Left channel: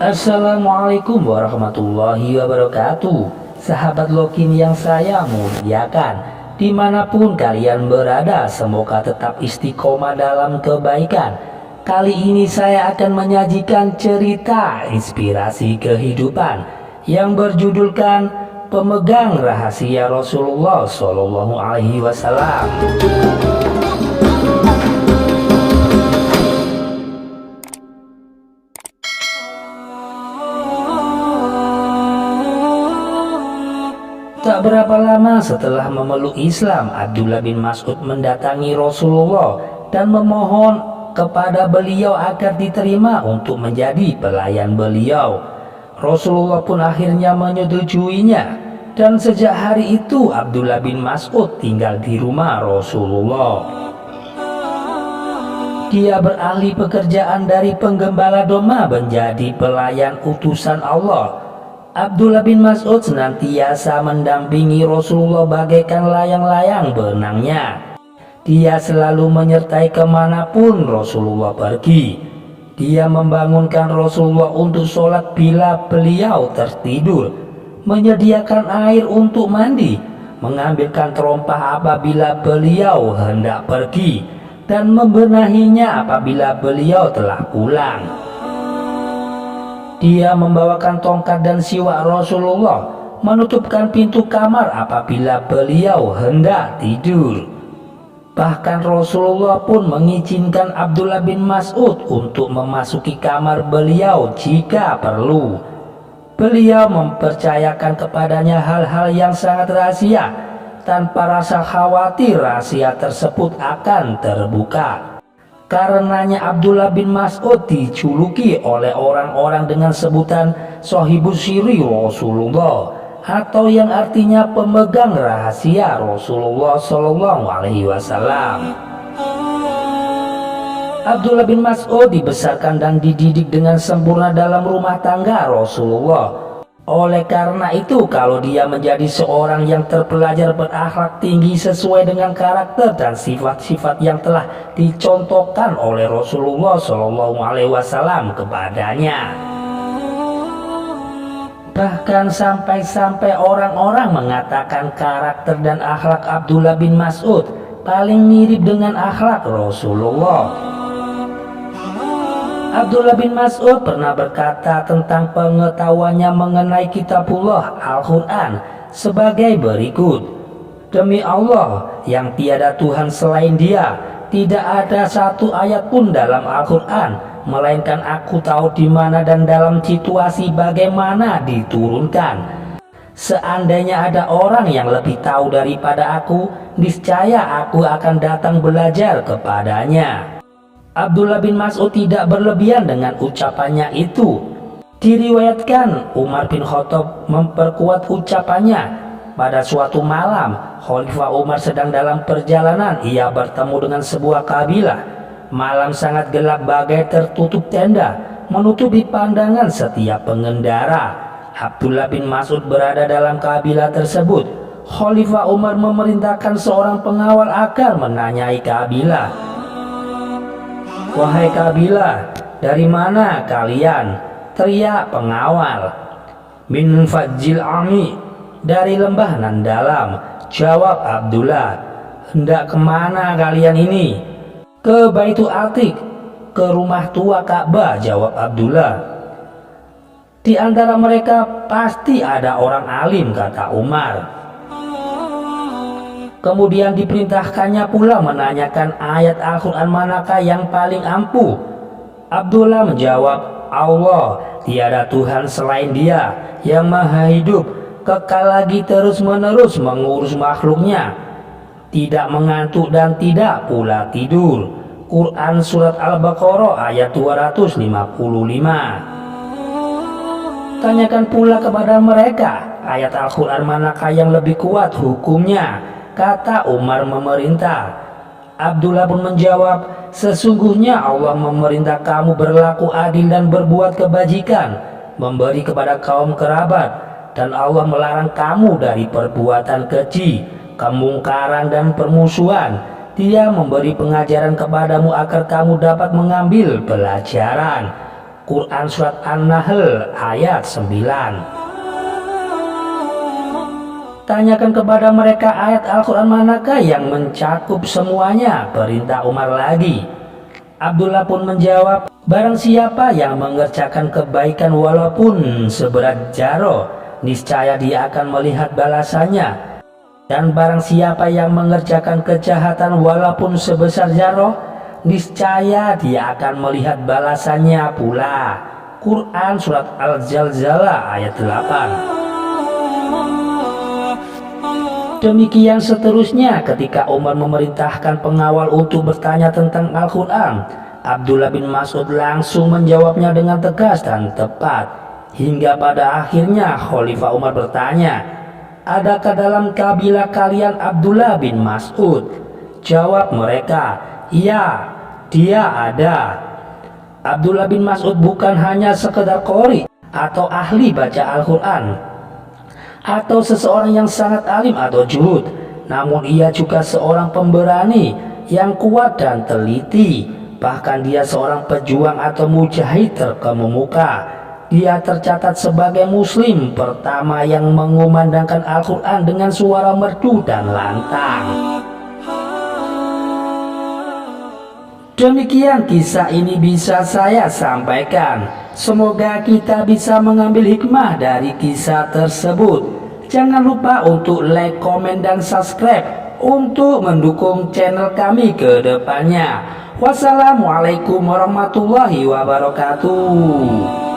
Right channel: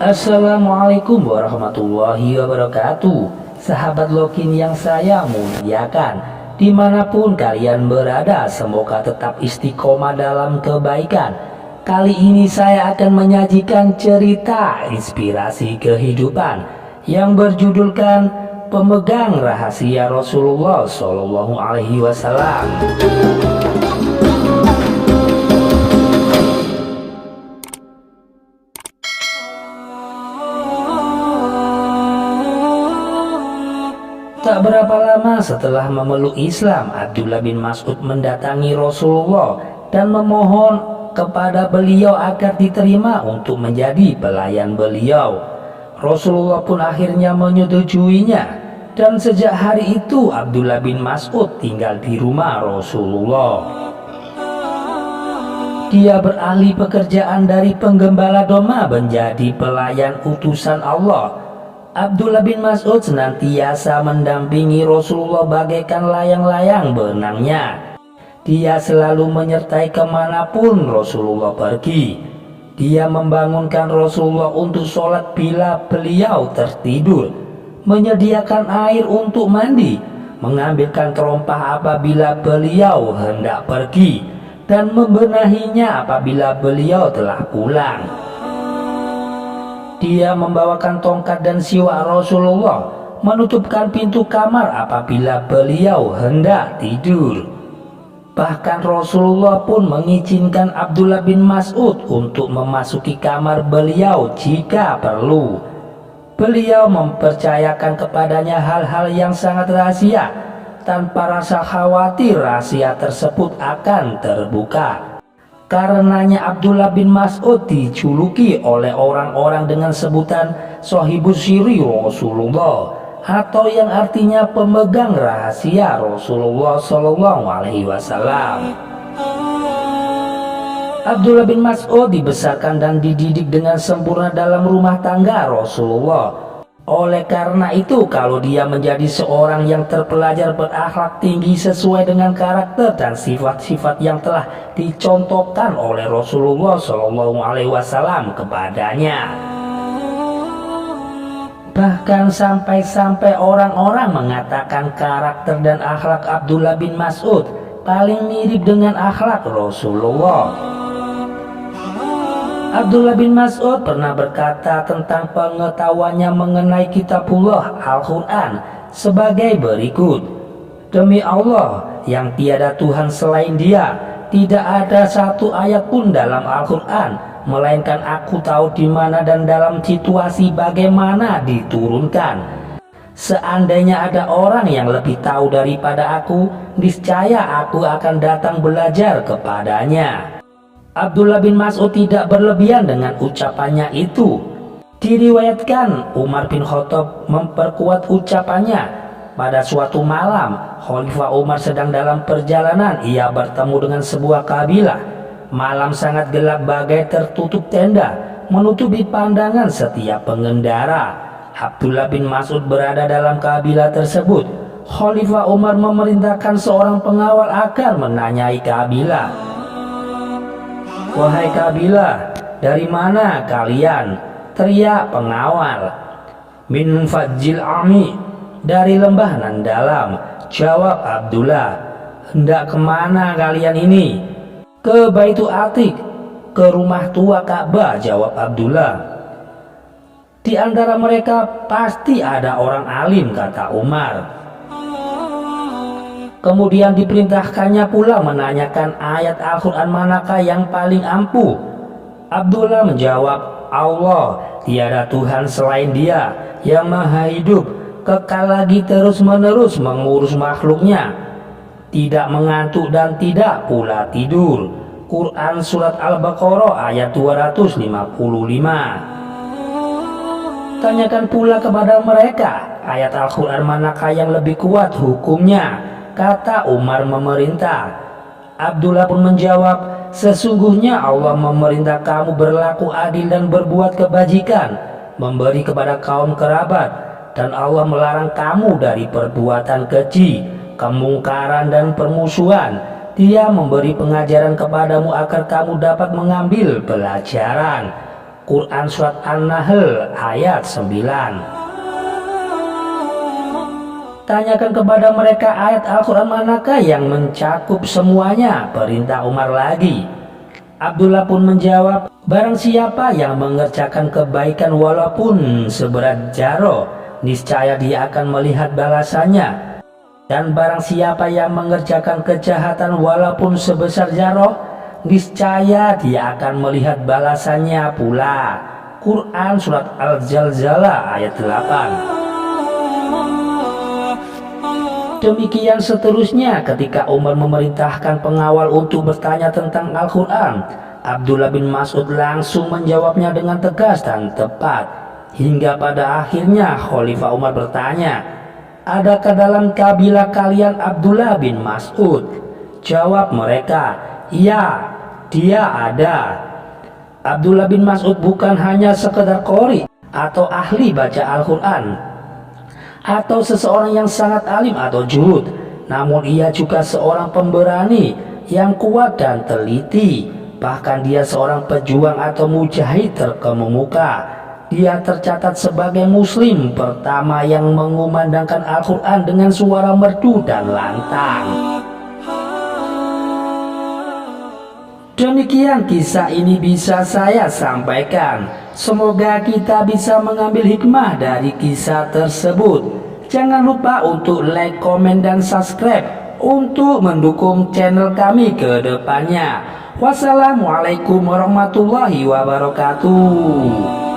Assalamualaikum warahmatullahi wabarakatuh. Sahabat Lokin yang saya muliakan, dimanapun kalian berada, semoga tetap istiqomah dalam kebaikan. Kali ini saya akan menyajikan cerita inspirasi kehidupan yang berjudulkan Pemegang Rahasia Rasulullah Shallallahu Alaihi Wasallam. Tak berapa lama setelah memeluk Islam, Abdullah bin Mas'ud mendatangi Rasulullah dan memohon kepada beliau agar diterima untuk menjadi pelayan beliau. Rasulullah pun akhirnya menyetujuinya, dan sejak hari itu Abdullah bin Mas'ud tinggal di rumah Rasulullah. Dia beralih pekerjaan dari penggembala domba menjadi pelayan utusan Allah. Abdullah bin Mas'ud senantiasa mendampingi Rasulullah bagaikan layang-layang benangnya. Dia selalu menyertai kemanapun Rasulullah pergi. Dia membangunkan Rasulullah untuk sholat bila beliau tertidur, menyediakan air untuk mandi, mengambilkan terompah apabila beliau hendak pergi, dan membenahinya apabila beliau telah pulang. Dia membawakan tongkat dan siwak Rasulullah, menutupkan pintu kamar apabila beliau hendak tidur. Bahkan Rasulullah pun mengizinkan Abdullah bin Mas'ud untuk memasuki kamar beliau jika perlu. Beliau mempercayakan kepadanya hal-hal yang sangat rahasia, tanpa rasa khawatir rahasia tersebut akan terbuka. Karenanya Abdullah bin Mas'ud dijuluki oleh orang-orang dengan sebutan Shahibus Sirri Rasulullah, atau yang artinya pemegang rahasia Rasulullah Shallallahu Alaihi Wasallam. Abdullah bin Mas'ud dibesarkan dan dididik dengan sempurna dalam rumah tangga Rasulullah. Oleh karena itu, kalau dia menjadi seorang yang terpelajar berakhlak tinggi sesuai dengan karakter dan sifat-sifat yang telah dicontohkan oleh Rasulullah Shallallahu Alaihi Wasallam kepadanya. Bahkan sampai-sampai orang-orang mengatakan karakter dan akhlak Abdullah bin Mas'ud paling mirip dengan akhlak Rasulullah. Abdullah bin Mas'ud pernah berkata tentang pengetahuannya mengenai kitabullah Al-Quran sebagai berikut. Demi Allah yang tiada Tuhan selain Dia, tidak ada satu ayat pun dalam Al-Quran, melainkan aku tahu di mana dan dalam situasi bagaimana diturunkan. Seandainya ada orang yang lebih tahu daripada aku, niscaya aku akan datang belajar kepadanya. Abdullah bin Mas'ud tidak berlebihan dengan ucapannya itu. Diriwayatkan Umar bin Khattab memperkuat ucapannya. Pada suatu malam, Khalifah Umar sedang dalam perjalanan. Ia bertemu dengan sebuah kabilah. Malam sangat gelap bagai tertutup tenda, menutupi pandangan setiap pengendara. Abdullah bin Mas'ud berada dalam kabilah tersebut. Khalifah Umar memerintahkan seorang pengawal agar menanyai kabilah. "Wahai kabilah, dari mana kalian?" teriak pengawal. "Min Fajil Ami, dari lembah nan dalam," jawab Abdullah. "Hendak kemana kalian ini?" "Ke Baitul Atiq, ke rumah tua Ka'bah," jawab Abdullah. "Di antara mereka pasti ada orang alim," kata Umar. Kemudian diperintahkannya pula menanyakan ayat Al-Quran manakah yang paling ampuh. Abdullah menjawab, "Allah, tiada Tuhan selain Dia yang maha hidup, kekal lagi terus-menerus mengurus makhluknya, tidak mengantuk dan tidak pula tidur." Quran Surat Al-Baqarah ayat 255. Tanyakan pula kepada mereka ayat Al-Quran manakah yang lebih kuat hukumnya, kata Umar memerintah. Abdullah pun menjawab, "Sesungguhnya Allah memerintah kamu berlaku adil dan berbuat kebajikan, memberi kepada kaum kerabat, dan Allah melarang kamu dari perbuatan keji, kemungkaran dan permusuhan. Dia memberi pengajaran kepadamu agar kamu dapat mengambil pelajaran." Quran Surat An-Nahl ayat 9. Tanyakan kepada mereka ayat Al-Quran manakah yang mencakup semuanya, perintah Umar lagi. Abdullah pun menjawab, barang siapa yang mengerjakan kebaikan walaupun seberat jaro, niscaya dia akan melihat balasannya. Dan barang siapa yang mengerjakan kejahatan walaupun sebesar jaro, niscaya dia akan melihat balasannya pula. Quran Surat Al-Zalzalah ayat 8. Demikian seterusnya ketika Umar memerintahkan pengawal untuk bertanya tentang Al-Quran, Abdullah bin Mas'ud langsung menjawabnya dengan tegas dan tepat. Hingga pada akhirnya Khalifah Umar bertanya, adakah dalam kabilah kalian Abdullah bin Mas'ud? Jawab mereka, iya, dia ada. Abdullah bin Mas'ud bukan hanya sekedar qori atau ahli baca Al-Quran, atau seseorang yang sangat alim atau juhud, namun ia juga seorang pemberani yang kuat dan teliti. Bahkan dia seorang pejuang atau mujahid terkemuka. Dia tercatat sebagai muslim pertama yang mengumandangkan Al-Quran dengan suara merdu dan lantang. Demikian kisah ini bisa saya sampaikan. Semoga kita bisa mengambil hikmah dari kisah tersebut. Jangan lupa untuk like, komen, dan subscribe untuk mendukung channel kami ke depannya. Wassalamualaikum warahmatullahi wabarakatuh.